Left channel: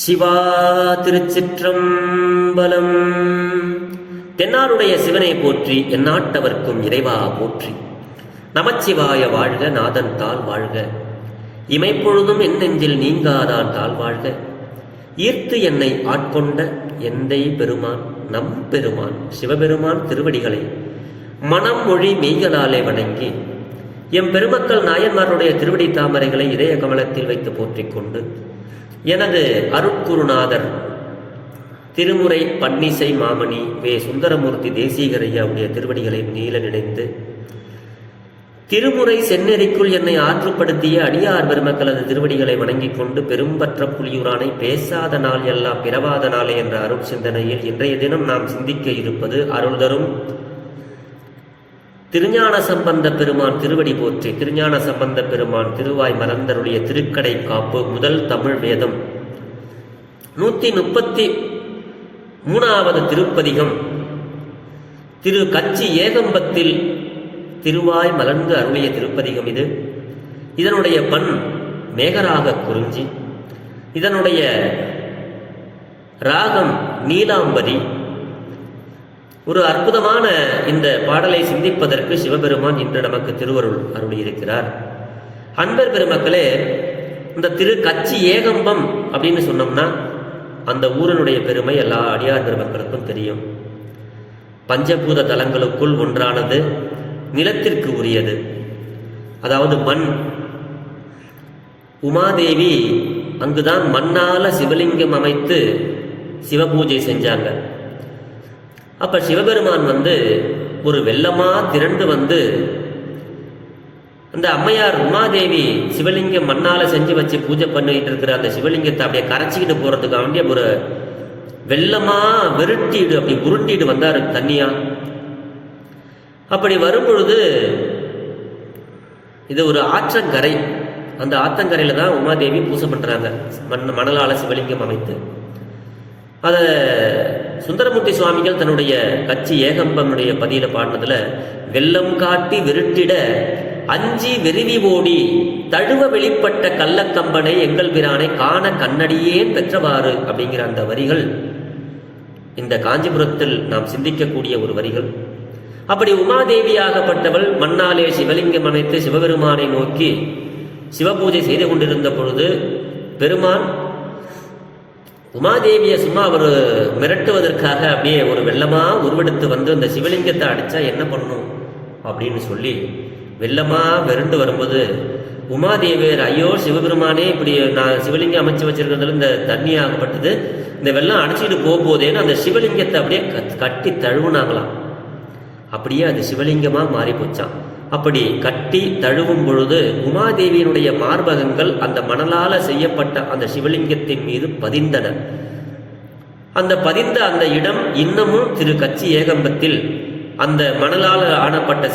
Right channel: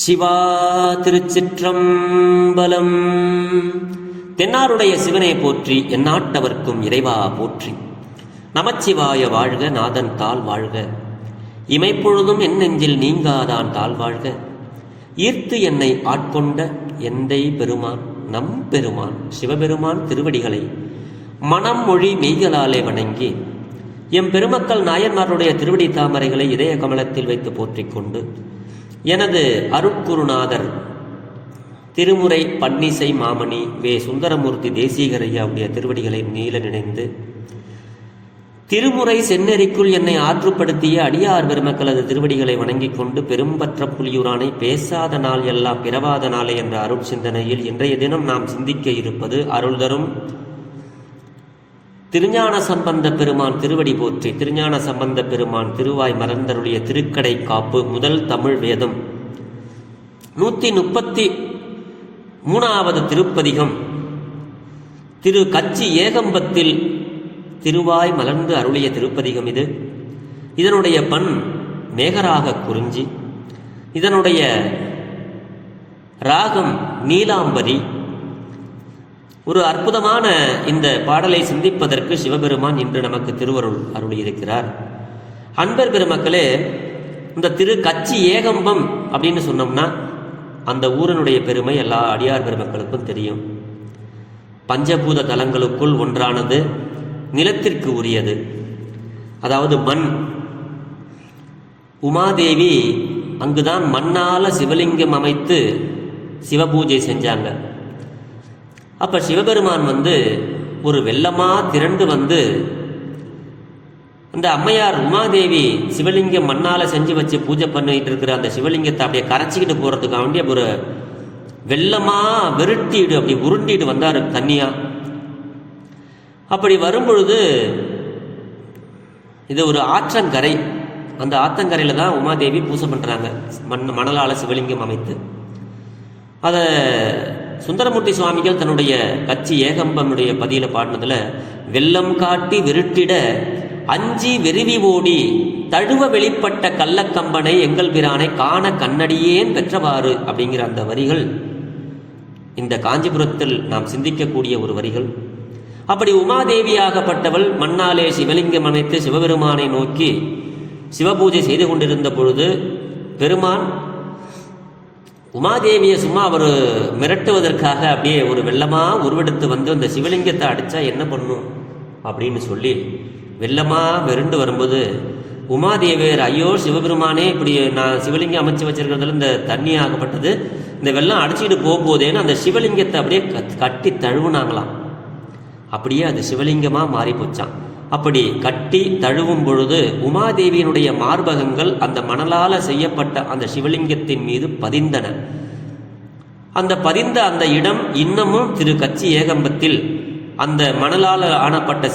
சிவா திருச்சிற்றம்பலம். தென்னாருடைய சிவனை போற்றி, எந்நாட்டவர்க்கும் இறைவா போற்றி. நமச்சிவாய வாழ்க, நாதன் தாள் வாழ்க. இமைப்பொழுதும் என் நெஞ்சில் நீங்காதான் தாள் வாழ்க. ஈர்த்து என்னை ஆட்கொண்ட எந்தை பெருமான் நம் பெருமான் சிவபெருமான் திருவடிகளை மனம் மொழி மெய்களாலே வணங்கி எம் பெருமக்கள் நாயன்மாருடைய திருவடி தாமரைகளை இதய கமலத்தில் வைத்து போற்றிக் கொண்டு எனது அருட்குருநாதர் திருமுறை பன்னிசை மாமணி வே சுந்தரமூர்த்தி தேசிகரையாவுடைய திருவடிகளை நீல நினைந்து திருமுறை செந்நெறிக்குள் என்னை ஆற்றுப்படுத்திய அடியார் பெருமக்களது திருவடிகளை வணங்கிக் கொண்டு பெரும்பற்ற புலியூரானை பேசாத நாள் எல்லாம் பிறவாத நாளே என்ற அருள் சிந்தனையில் இன்றைய தினம் நாம் சிந்திக்க இருப்பது அருள் தரும் திருஞான சம்பந்த பெருமான் திருவடி போற்றி. திருஞான சம்பந்த பெருமான் திருவாய் மறந்தருடைய திருக்கடை காப்பு முதல் தமிழ் வேதம் 133வது திருப்பதிகம் திரு கச்சி ஏகம்பத்தில் திருவாய் மலர்ந்து அருளிய திருப்பதிகம் இது. இதனுடைய பண் மேகராக குறிஞ்சி, இதனுடைய ராகம் நீலாம்பரி. ஒரு அற்புதமான இந்த பாடலை சிந்திப்பதற்கு சிவபெருமான் இன்று நமக்கு திருவருள் அருளியிருக்கிறார். அன்பர் பெருமக்களே, இந்த திரு கச்சி ஏகம்பம் அப்படின்னு சொன்னோம்னா அந்த ஊரனுடைய பெருமை எல்லா அடியார் பெருமக்களுக்கும் தெரியும். பஞ்சபூத தலங்களுக்குள் ஒன்றானது, நிலத்திற்கு உரியது, அதாவது மண். உமாதேவி அங்குதான் மண்ணால சிவலிங்கம் அமைத்து சிவபூஜை செஞ்சாங்க. அப்ப சிவபெருமான் ஒரு வெள்ளமா திரண்டு அந்த அம்மையார் உமாதேவி சிவலிங்கம் மண்ணால செஞ்சு வச்சு பூஜை பண்ணிட்டு இருக்கிற அந்த சிவலிங்கத்தை அப்படியே கரைச்சிக்கிட்டு போறதுக்காக வேண்டிய ஒரு வெள்ளமா வெருட்டிடு அப்படி உருண்டிட்டு வந்தாரு தண்ணியா. அப்படி வரும்பொழுது இது ஒரு ஆற்றங்கரை. அந்த ஆற்றங்கரையில தான் உமாதேவி பூஜை பண்றாங்க, மணலால சிவலிங்கம் அமைத்து. அதை சுந்தரமூர்த்தி சுவாமிகள் தன்னுடைய கச்சி ஏகம்பனுடைய பதியில பாடினதுல வெள்ளம் காட்டி வெருட்டிட அஞ்சி வெறுவி ஓடி தழுவ வெளிப்பட்ட கள்ளக்கம்பனை எங்கள் பிரானை காண கண்ணடியேன் பெற்றவாறு அப்படிங்கிற அந்த வரிகள் இந்த காஞ்சிபுரத்தில் நாம் சிந்திக்கக்கூடிய ஒரு வரிகள். அப்படி உமாதேவியாகப்பட்டவள் மண்ணாலே சிவலிங்கம் அமைத்து சிவபெருமானை நோக்கி சிவபூஜை செய்து கொண்டிருந்த பொழுது பெருமான் உமாதேவியை சும்மா அவர் மிரட்டுவதற்காக அப்படியே ஒரு வெள்ளமா உருவெடுத்து அந்த சிவலிங்கத்தை அடிச்சா என்ன பண்ணும் அப்படின்னு சொல்லி வெள்ளமா விரண்டு வரும்போது உமாதேவியர், ஐயோ சிவபெருமானே, இப்படி நான் சிவலிங்கம் அமைச்சு வச்சிருக்கிறதுல இந்த தண்ணி ஆகப்பட்டது, இந்த வெள்ளம் அடிச்சுட்டு போகும்போதேன்னு அந்த சிவலிங்கத்தை அப்படியே கட்டி தழுவுனாங்களாம். அப்படியே அது சிவலிங்கமா மாறி போச்சான். அப்படி கட்டி தழுவும் பொழுது உமாதேவியினுடைய மார்பகங்கள் அந்த மணலால செய்யப்பட்ட அந்த சிவலிங்கத்தின் மீது பதிந்தன. அந்த பதிந்த அந்த இடம் இன்னமும் திரு கச்சி ஏகம்பத்தில் அந்த மணலால ஆனப்பட்ட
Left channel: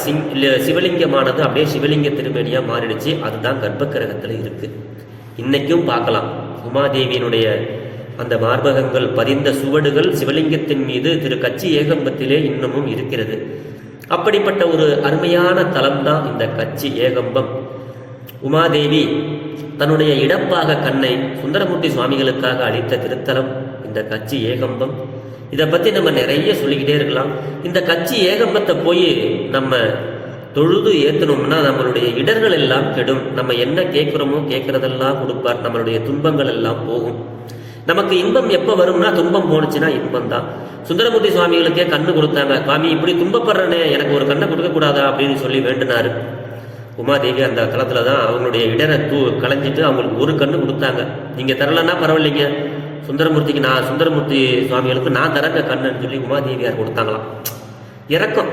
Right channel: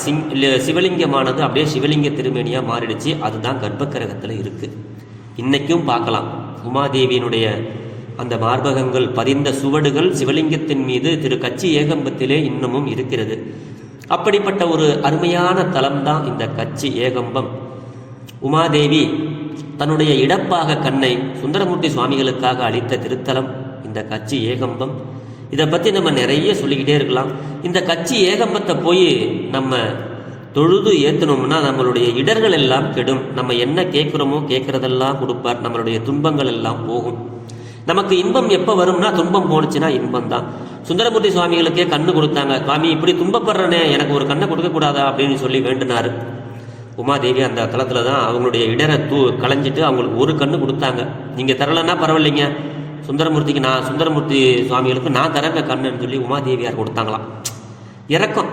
சிவலிங்கமானது அப்படியே சிவலிங்க திருமேனியா மாறிடுச்சு. அதுதான் கர்ப்பகிரகத்தில் இருக்கு. இன்னைக்கும் பார்க்கலாம் உமாதேவியினுடைய அந்த மார்பகங்கள் பதிந்த சுவடுகள் சிவலிங்கத்தின் மீது திரு கச்சி ஏகம்பத்திலே இன்னமும் இருக்கிறது. அப்படிப்பட்ட ஒரு அருமையான தலம்தான் இந்த கச்சி ஏகம்பம். உமாதேவி தன்னுடைய இடப்பாக கண்ணை சுந்தரமூர்த்தி சுவாமிகளுக்காக அளித்த திருத்தலம் இந்த கச்சி ஏகம்பம். இதை பற்றி நம்ம நிறைய சொல்லிக்கிட்டே இருக்கலாம். இந்த கச்சி ஏகம்பத்தை போய் நம்ம தொழுது ஏற்றணும்னா நம்மளுடைய இடர்கள் எல்லாம் கெடும். நம்ம என்ன கேட்குறோமோ கேட்குறதெல்லாம் கொடுப்பார். நம்மளுடைய துன்பங்கள் எல்லாம் போகும். நமக்கு இன்பம் எப்போ வரும்னா துன்பம் போனுச்சுன்னா இன்பம் தான். சுந்தரமூர்த்தி சுவாமிகளுக்கே கண்ணு கொடுத்தாங்க. சுவாமி, இப்படி துன்பப்படுறனே, எனக்கு ஒரு கண்ணை கொடுக்கக்கூடாதா அப்படின்னு சொல்லி வேண்டினாரு. உமாதேவி அந்த காலத்துல தான் அவங்களுடைய இடரை களைஞ்சிட்டு அவங்களுக்கு ஒரு கண்ணு கொடுத்தாங்க. நீங்க தரலன்னா பரவாயில்லைங்க, சுந்தரமூர்த்தி சுவாமிகளுக்கு நான் தரங்க கண்ணுன்னு சொல்லி உமாதேவியார் கொடுத்தாங்களாம். இரக்கம்,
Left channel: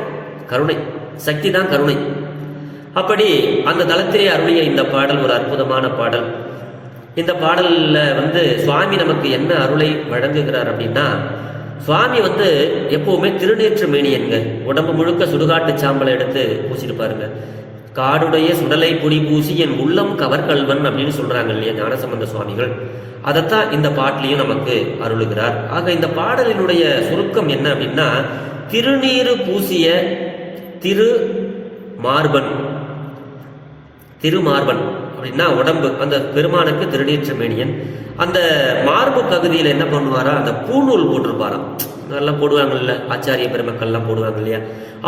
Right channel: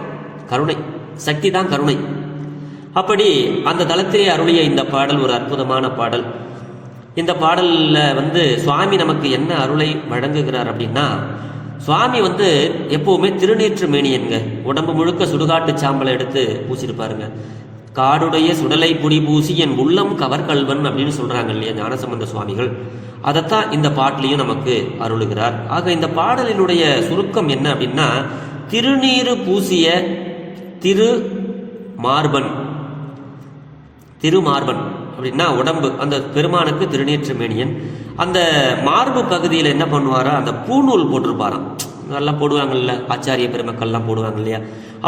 கருணை, சக்தி தான் கருணை. அப்படி அந்த தலத்திலே அருளிய இந்த பாடல் ஒரு அற்புதமான பாடல். இந்த பாடல்ல சுவாமி நமக்கு என்ன அருளை வழங்குகிறார் அப்படின்னா, சுவாமி எப்பவுமே திருநீற்று மேனியன்க, உடம்பு முழுக்க சுடுகாட்டு சாம்பலை எடுத்து பூசிட்டு பாருங்க. காடுடைய சுடலை புடி பூசி என் உள்ளம் கவர்கல்வன் அப்படின்னு சொல்றாங்க இல்லையா ஞானசம்பந்த சுவாமிகள். அதைத்தான் இந்த பாட்டிலையும் நமக்கு அருளுகிறார். ஆக இந்த பாடலினுடைய சுருக்கம் என்ன அப்படின்னா, திருநீறு பூசிய திருமார்பன் அப்படின்னா உடம்பு, அந்த பெருமானுக்கு திருநீற்று மேனியன். அந்த மார்பு பகுதியில் என்ன பண்ணுவாரா, அந்த பூநூல் போட்டிருப்பாராம். நல்லா போடுவாங்கல்ல, ஆச்சாரிய பெருமக்கள்லாம் போடுவாங்க இல்லையா.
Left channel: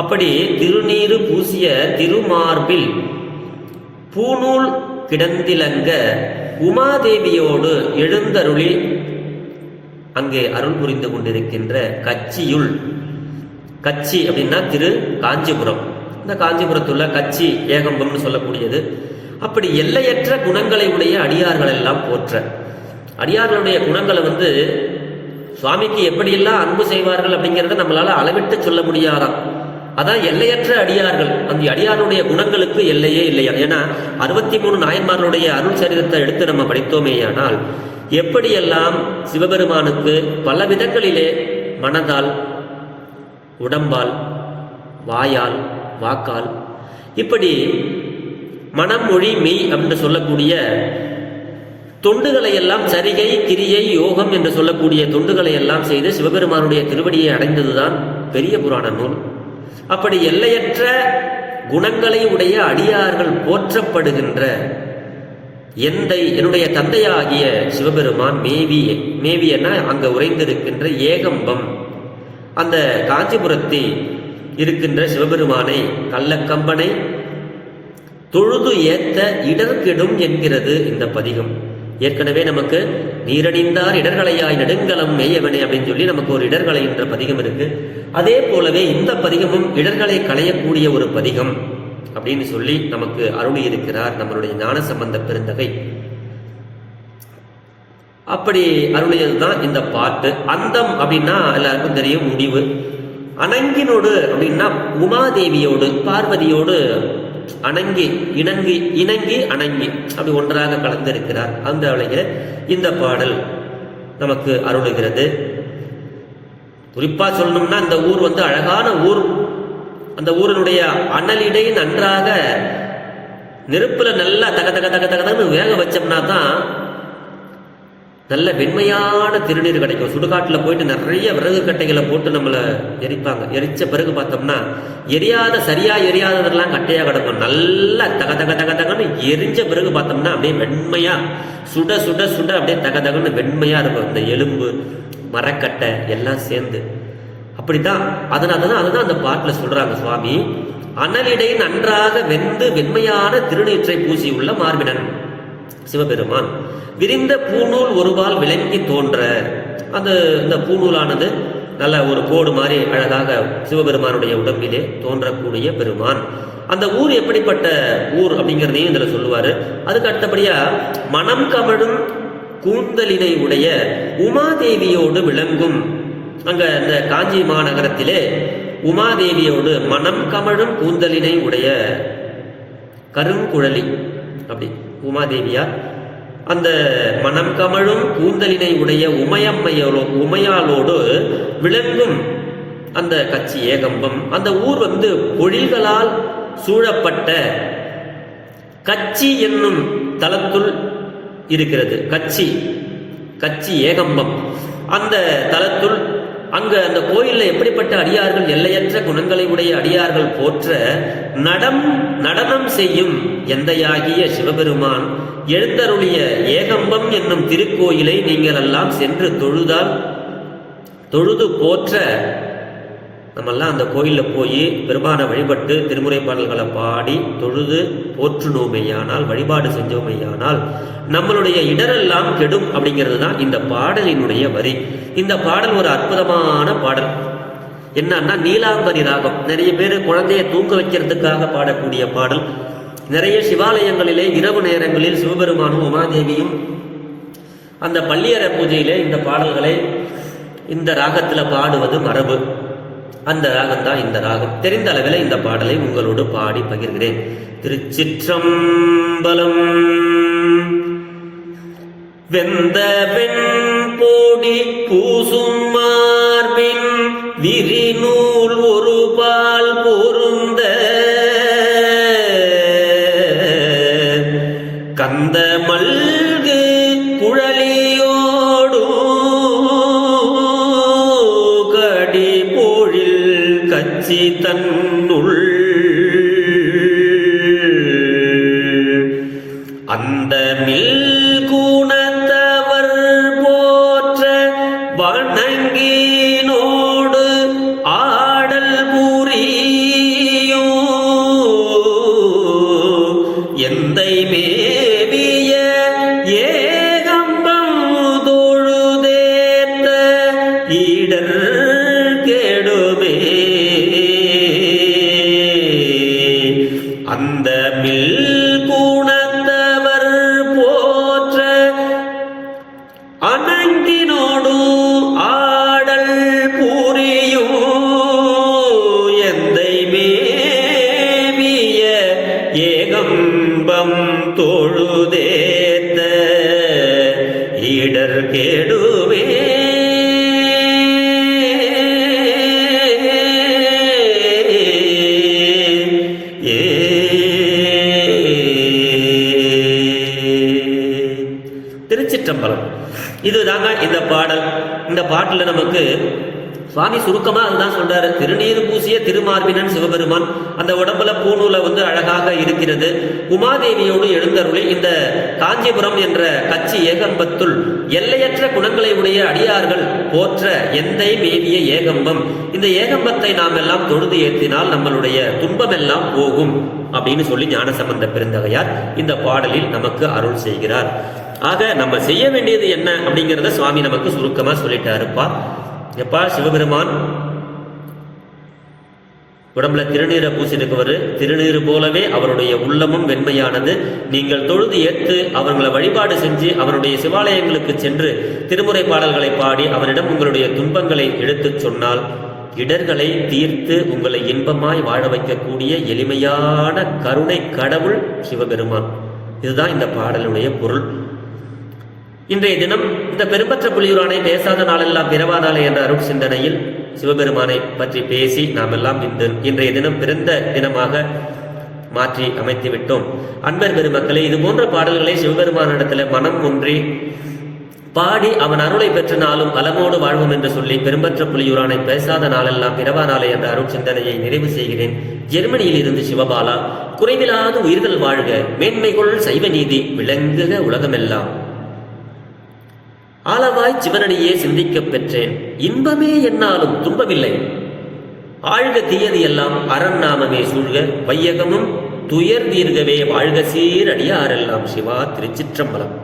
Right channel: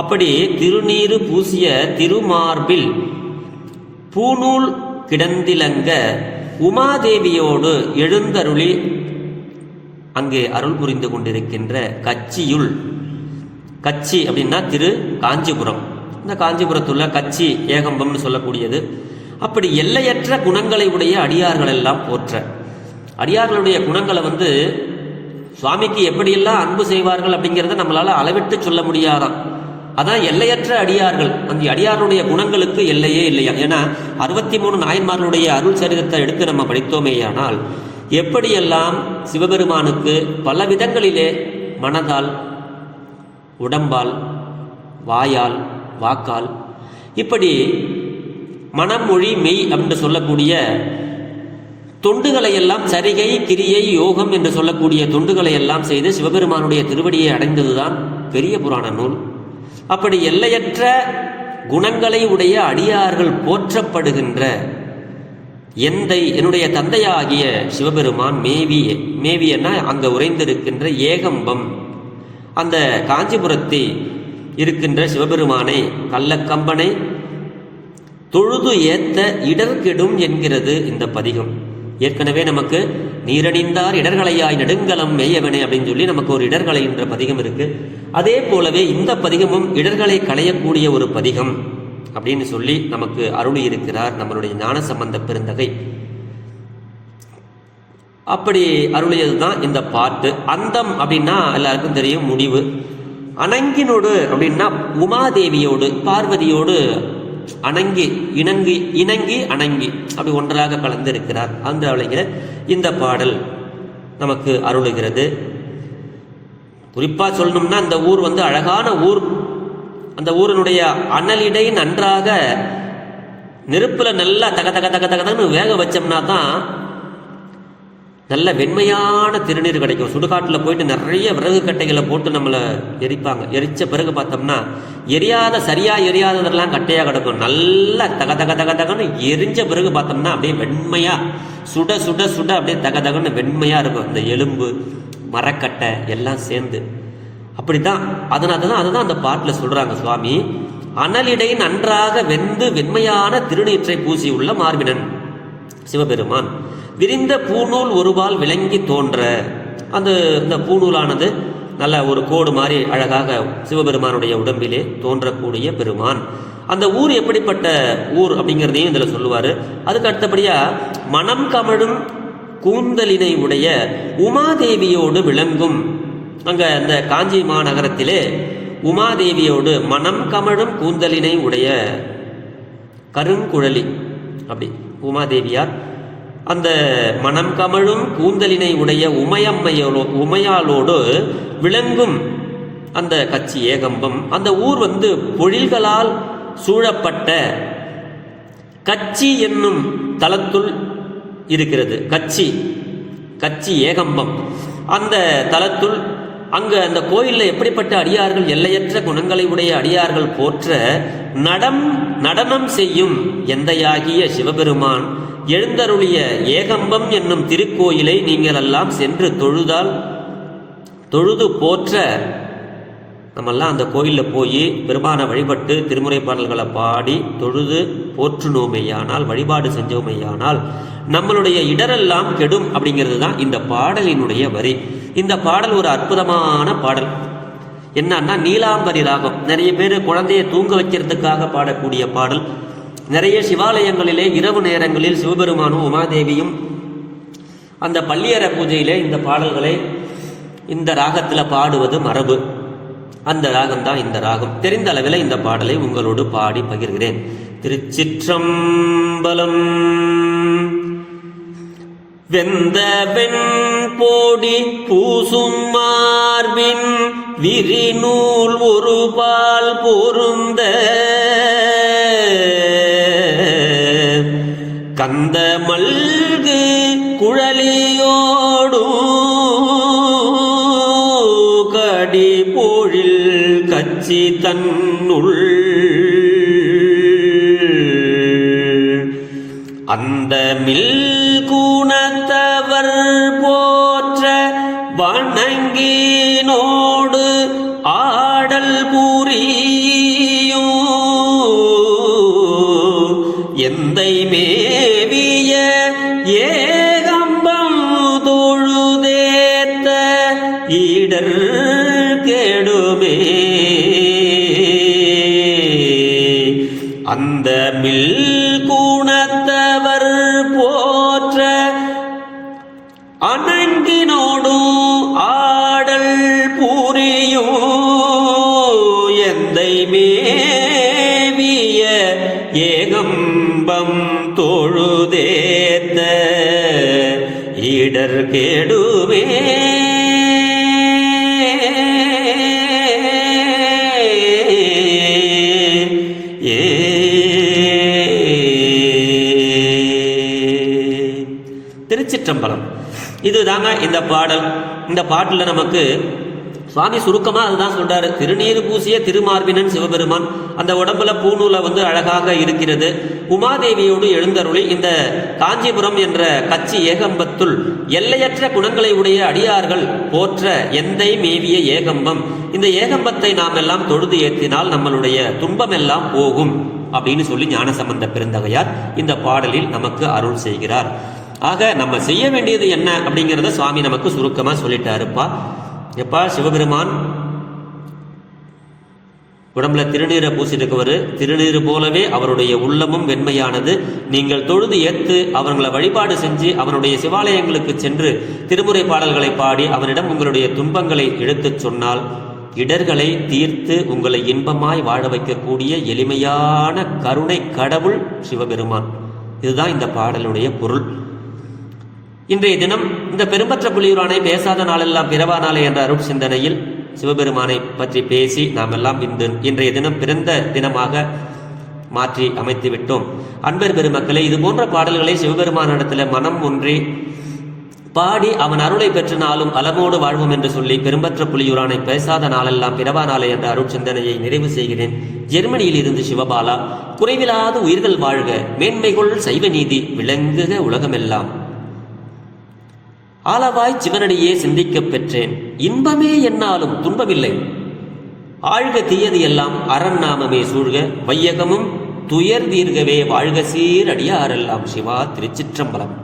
அப்படி திருநீறு பூசிய திருமார்பில் பூநூல் கிடந்திலங்க உமாதேவியோடு எழுந்தருளி அங்கே அருள் புரிந்து கொண்டிருக்கின்ற கச்சியுள், கச்சி அப்படின்னா திரு காஞ்சிபுரம், இந்த காஞ்சிபுரத்துள்ள கச்சி ஏகம்பம்னு சொல்லக்கூடியது. அப்படி எல்லையற்ற குணங்களை உடைய அடியார்கள் எல்லாம் போற்ற, அடியார்களுடைய குணங்களை சுவாமிக்கு எப்படியெல்லாம் அன்பு செய்வார்கள் அப்படிங்கிறத நம்மளால அளவிட்டு சொல்ல முடியாதாம். அதான் எல்லையற்ற அடியார்கள். அந்த அடியாருடைய குணங்களுக்கு எல்லையே இல்லையா. ஏன்னா 63 நாயன்மார்களுடைய அருள் சரிதத்தை எடுத்து நம்ம படித்தோமேயானால் எப்படியெல்லாம் சிவபெருமானுக்கு பல விதங்களிலே மனதால், உடம்பால், வாயால், வாக்கால், இப்படி மனம், மொழி, மெய் அப்படின்னு சொல்லக்கூடிய தொண்டுகளை எல்லாம், சரிகை, கிரியை, யோகம் என்று சொல்லக்கூடிய தொண்டுகளை எல்லாம் செய்து சிவபெருமானுடைய திருவடியை அடைந்ததுதான் பெரிய புராண நூல். அப்படி எல்லையற்ற குணங்களை உடைய அடியார்கள் போற்றப்படுகின்ற எந்தை, என்னுடைய தந்தையாகிய சிவபெருமான் மேவியன்னா அங்க உறைந்திருக்கின்ற ஏகம்பம், அந்த காஞ்சிபுரத்தில் இருக்கின்ற சிவபெருமானை, கள்ளக்கம்பனை தொழுது ஏத்த இடர்கெடும் என்கிறது இந்த பதிகம். ஏற்கனவே நமக்கு நீரணிந்தார் இடர்களையாய் நெடுங்கலம் மேயவனே அப்படின்னு சொல்லி நமக்கு ஒரு இடர்களை என்ற பதிகம் இருக்கு. அதே போலவே இந்த பதிகமும் இடர்களை களையக்கூடிய ஒரு பதிகம் அப்படின்னு சொல்லி நமக்கு அருளி இருக்கிறார் நம்மளுடைய ஞானசம்பந்த பெருந்தகை. அப்படி அருளியதுதான் இந்த பாட்டு. அந்தம் அப்படின்னா எல்லாருக்கும் தெரியும், முடிவு. அணங்கினோடு அப்படின்னா உமாதேவியோடு, பார்வதியோடு இணங்கி அணங்கி அப்படி ஒன்றாக கலந்திருக்கிறார். அந்த வகையில் இந்த பாடல் நமக்கு அருளுகிறது. குறிப்பா சொல்லணும்னா இந்த ஊர் அழகான ஊர். அந்த ஊரினுடைய அனலிடை நன்றாக நெருப்புல நல்லா தக தக தக தகன்னு வேக வச்சோம்னா தான் நல்ல வெண்மையான திருநீர் கிடைக்கும். சுடுகாட்டில் போயிட்டு நிறைய விறகு கட்டைகளை போட்டு நம்மளை எரிப்பாங்க. எரிச்ச பிறகு பார்த்தோம்னா சரியா எரியாததெல்லாம் கட்டையாக கிடக்கும். நல்லா தக தக தக தகன்னு எரிஞ்ச பிறகு பார்த்தோம்னா அப்படியே வெண்மையா சுட சுட சுட அப்படியே தக தகன்னு வெண்மையா இருக்கும். இந்த எலும்பு, மரக்கட்டை எல்லாம் சேர்ந்து அப்படித்தான். அதுதான் அந்த பாட்டில் சொல்றாங்க சுவாமி. அனலிடை நன்றாக வெந்து வெண்மையான திருநீற்றை பூசியுள்ள மார்பினன் சிவபெருமான் விரிந்த பூநூல் ஒருபால் விளங்கி தோன்ற. இந்த பூநூலானது நல்ல ஒரு கோடு மாதிரி அழகாக சிவபெருமானுடைய உடம்பிலே தோன்றக்கூடிய பெருமான். அந்த ஊர் எப்படிப்பட்ட ஊர் அப்படிங்கிறதையும் இதில் சொல்லுவார். அதுக்கு அடுத்தபடியா மனம் கமழும் கூந்தலினை உடைய உமாதேவியோடு விளங்கும். அங்க இந்த காஞ்சி மாநகரத்திலே உமாதேவியோடு மனம் கமழும் கூந்தலினை உடைய கருங்குழலி, அப்படி உமாதேவியார் அந்த மனம் கமழும் கூந்தலினை உடைய உமையாளோடு விளங்கும் அந்த கச்சி ஏகம்பம். அந்த ஊர் பொழில்களால் சூழப்பட்ட கச்சி என்னும் தலத்துள் இருக்கிறது. கச்சி ஏகம்பம் அந்த தலத்துள். அங்க அந்த கோயிலில் எப்படிப்பட்ட அடியார்கள், எல்லையற்ற குணங்களை உடைய அடியார்கள் போற்ற நடனம் செய்யும் எந்தையாகிய சிவபெருமான் எழுந்தருளிய ஏகம்பம் என்னும் திருக்கோயிலை நீங்கள் எல்லாம் சென்று தொழுது போற்ற. நம்மெல்லாம் அந்த கோயிலில் போய் பெருமானை வழிபட்டு திருமுறை பாடல்களை பாடி தொழுது போற்றுனோமையானால், வழிபாடு செஞ்சோமையானால் நம்மளுடைய இடரெல்லாம் கெடும் அப்படிங்கிறது தான் இந்த பாடலினுடைய வரி. இந்த பாடல் ஒரு அற்புதமான பாடல். என்னன்னா நீலாம்பரி ராகம். நிறைய பேர் குழந்தையை தூங்க வைக்கிறதுக்காக பாடக்கூடிய பாடல். நிறைய சிவாலயங்களிலே இரவு நேரங்களில் சிவபெருமானும் உமாதேவியும் அந்த பள்ளியற பூஜையிலே இந்த பாடல்களை இந்த ராகத்தில் பாடுவது மரபு. அந்த ராகம் தான் இந்த ராகம். தெரிந்த அளவில் இந்த பாடலை உங்களோடு பாடி பகிர்கிறேன். திருச்சிற்றம்பலம். வெந்த வெண்போடி பூசும் மார்பின் விரிநூல் ஒரு பால் பொருந்த கந்த மல்கு குழலியோடு கடி போழில் கச்சி தன்னுள் அந்த வணங்கினோடு ஆடல் புரியோ எந்தை மேவிய ஏகம்பம் தொழுதேத்த ஈடர் கெடுமே அந்த மில் குணத்தவர் போற்ற அணங்கினோடும் ஆடல் புரியும் எந்தை மேவிய ஏகம்பம் தொழுதேத்த ஈடர் கெடுமே திருச்சிற்றம்பலம். இதுதாங்க இந்த பாடல். இந்த பாட்டில் நமக்கு சுவாமி சுருக்கமா அதுதான் சொல்றாரு. திருநீர் பூசிய திருமார்பினன் சிவபெருமான் அந்த உடம்புல பூநூலை அழகாக இருக்கிறது. உமாதேவியோடு எழுந்தருளி இந்த காஞ்சிபுரம் என்ற கச்சி ஏகம்பத்துள் எல்லையற்ற குணங்களை உடைய அடியார்கள் போற்ற எந்தை மேவிய ஏகம்பம். இந்த ஏகம்பத்தை நாம் எல்லாம் தொழுது ஏற்றினால் நம்மளுடைய துன்பம் எல்லாம் போகும் அப்படின்னு சொல்லி ஞானசம்பந்த பெருந்தகையார் இந்த பாடலில் நமக்கு அருள் செய்கிறார். ஆக நம்ம செய்ய வேண்டியது என்ன அப்படிங்கிறத சுவாமி நமக்கு சுருக்கமா சொல்லிட்டாருப்பா. எப்பா சிவபெருமான் உடம்புல திருநீரை பூசிருக்கவர், திருநீர் போலவே அவருடைய உள்ளமும் வெண்மையானது. நீங்கள் தொழுது ஏத்து அவர்களை வழிபாடு செஞ்சு அவருடைய சிவாலயங்களுக்கு சென்று திருமுறை பாடல்களை பாடி அவரிடம் உங்களுடைய துன்பங்களை எடுத்துச் சொன்னால் இடர்களை தீர்த்து உங்களை இன்பமாய் வாழ வைக்கக்கூடிய எளிமையான கருணை கடவுள் சிவபெருமான். இதுதான் இந்த பாடலுடைய பொருள். இன்றைய தினம் இந்த பெரும்பற்ற புலியூரானை பேசாத நாளெல்லாம் பிறவா நாளே என்ற அருட் சிந்தனையில் சிவபெருமானை பற்றி பேசி நாம் எல்லாம் இன்றைய தினம் பிறந்த தினமாக மாற்றி அமைத்து விட்டோம். அன்பர் பெருமக்களே, இது போன்ற பாடல்களை சிவபெருமானிடத்தில் மனம் ஒன்றி பாடி அவன் அருளை பெற்ற நாளும் அலமோடு வாழ்வோம் என்று சொல்லி பெரும்பற்ற புலியூரானை பேசாத நாளெல்லாம் பிறவா நாளே என்ற அருட் சிந்தனையை நிறைவு செய்கிறேன். ஜெர்மனியில் இருந்து சிவபாலா. குறைவில்லாத உயிர்கள் வாழ்க, மேன்மைகொள் சைவ நீதி விளங்குக உலகமெல்லாம். ஆளவாய் சிவனடியே சிந்திக்கப் பெற்றேன், இன்பமே என்னாலும் துன்பமில்லை. ஆழ்க தீயது எல்லாம் அரண் நாமமே சூழ்க, வையகமும் துயர் தீர்கவே வாழ்க சீர் அடியாரெல்லாம். சிவா. திருச்சிற்றம்பலம்.